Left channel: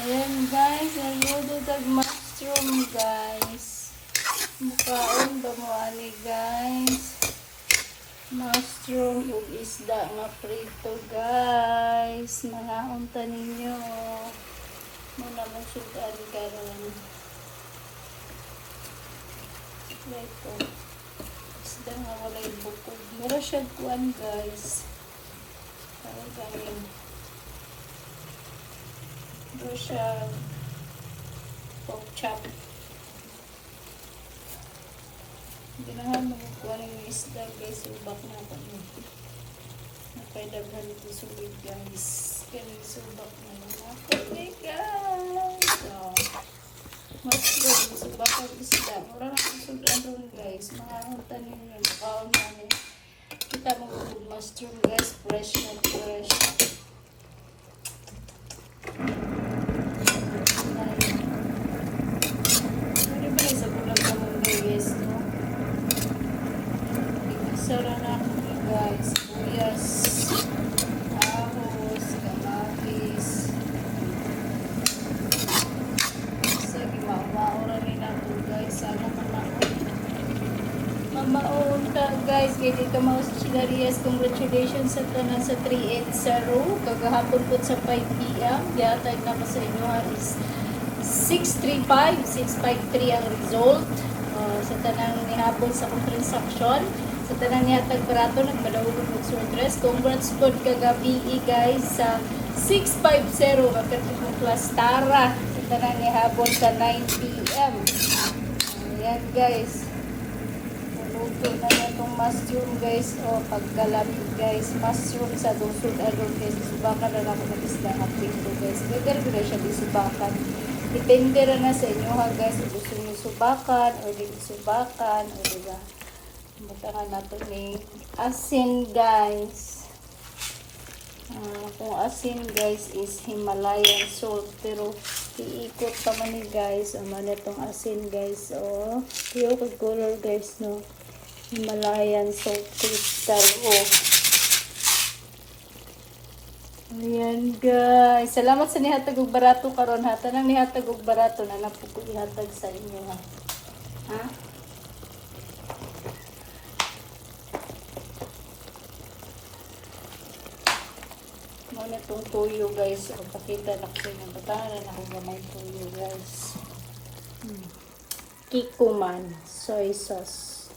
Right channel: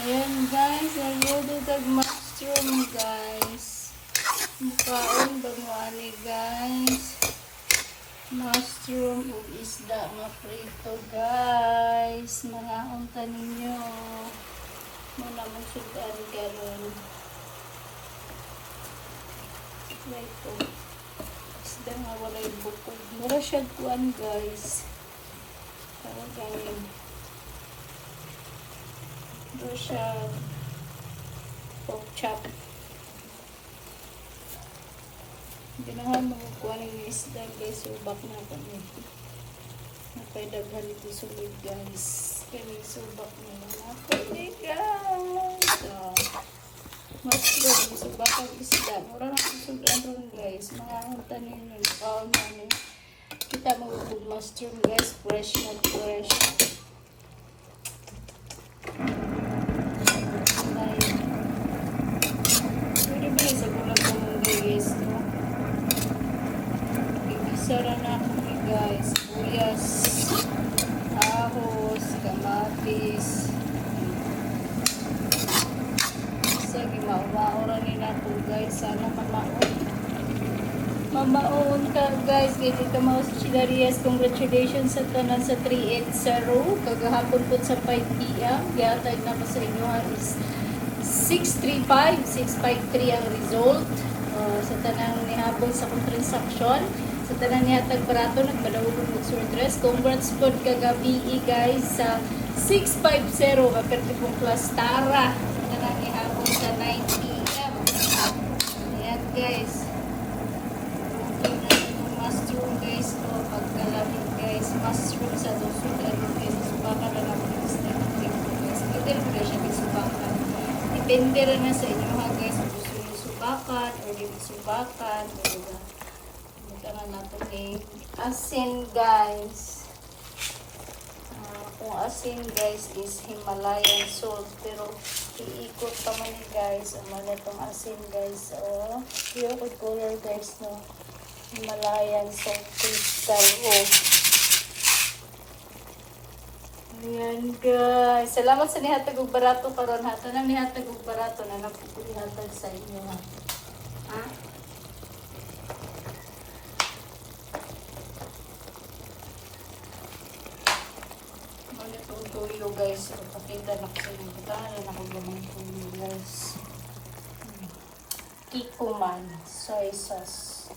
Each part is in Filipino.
Ayan guys, naluto tag mushroom guys. Mukaon ba mo ani guys? Mushroom ug isda nga prito guys. Mga unta ninyo. Muna mo sudan karon. Ito. Isda nga walay bukog. Mura siya kuan guys. Para gawin. Mura siya pork chop. Ganahan mo kuha ng isda guys, subak na ito nito. Napay-daghan ito sulit guys. Kaya subak na lang ako. Guys! So, mushroom, subak ang isda. Mura na isudan ron guys. Mga hunta ninyo. Kaon namin. Kita mo yung mushroom guys. Fresh na fresh. Sara na guys, buyas, ahos, kamatis. Sa gimawa-ora ni nato guys, sana mamaon. Mamaon ka guys, kaya dito mga Chilarias, congratulations sa tanan sa 3-8 sa row. Kagahapon po sa 5 p.m. Yatag na ko sa inyo is 635, 653 ang result. Sa tanang nihapon sa kong transaction. Sa tanan niya tag-barato, nagbalawag ng surdress. Congrats po kagabi guys sa 650. Kaperte kong class Tara. Sa tanan niya hapon sa 9 p.m. Ayan guys. Okay na yan yung mushroom guys. O pagkalamit guys. Mushroom sa dusog aron guys. Subakan na lang ng isda na pinto guys. Pwede rin siya disubakan. Depende rin na sa inyo ha guys. Gusto nyo subakan o hindi subakan. O diba? Butangan natin yung asin guys. Itong asin guys is Himalayan salt. Pero iikot pa kami guys. Ang mga itong asin guys. So, yung pag-color guys no. Himalayan salt guys. Ayan guys. Salamat sa nihatag og barato karon ha. Tanang nihatag og barato na napupunatag sa inyo ha. Ha? Ano itong tuyo guys. Pagkakita na kasi ng batahan na ako gamang tuyo guys. Kikuman soy sauce.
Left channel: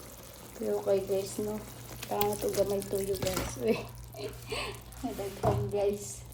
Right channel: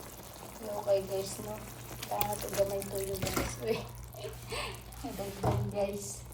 Okay guys. Kailangan ito gamang tuyo guys. Uy. Guys.